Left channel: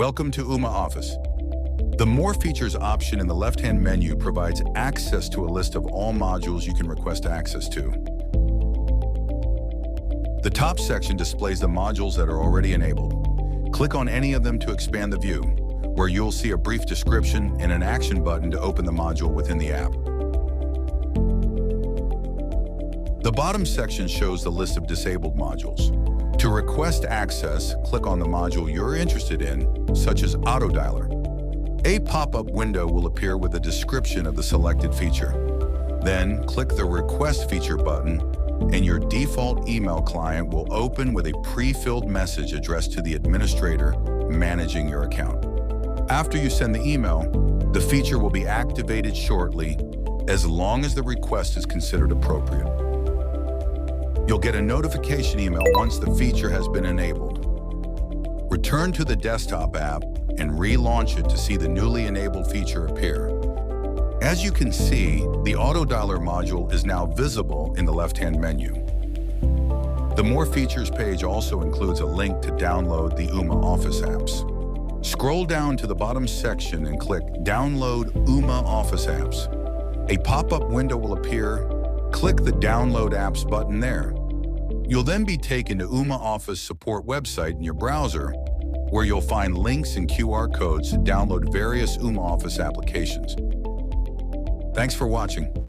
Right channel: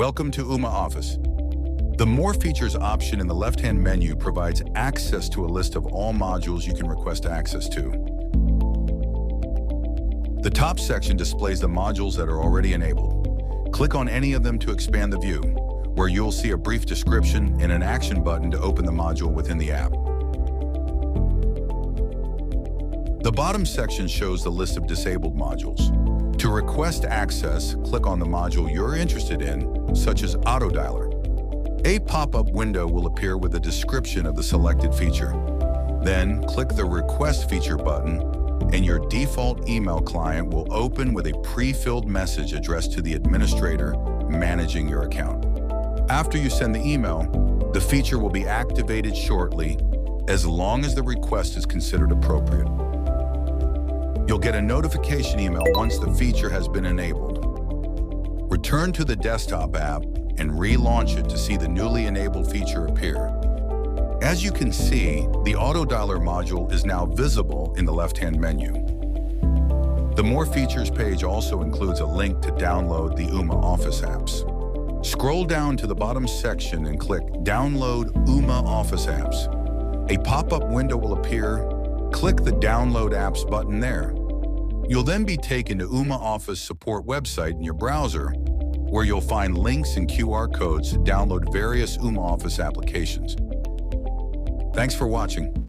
Welcome to Ooma Office. The More Features option in the left-hand menu provides access to a list of all modules you can request access to. The top section displays the modules that are already enabled. Click on any of them to expand the view, where you'll see a brief description and an action button to open the module within the app. The bottom section shows the list of disabled modules. To request access, click on the module you're interested in, such as Auto Dialer. A pop-up window will appear with a description of the selected feature. Then, click the Request Feature button, and your default email client will open with a pre-filled message addressed to the administrator managing your account. After you send the email, the feature will be activated shortly, as long as the request is considered appropriate. You'll get a notification email once the feature has been enabled. Return to the desktop app and relaunch it to see the newly enabled feature appear. As you can see, the Auto Dialer module is now visible in the left-hand menu. The More Features page also includes a link to download the Ooma Office apps. Scroll down to the bottom section and click Download Ooma Office Apps. A pop-up window will appear. Click the Download Apps button there. You'll then be taken to Ooma Office support website in your browser, where you'll find links and QR codes to download various Ooma Office applications. Thanks for watching.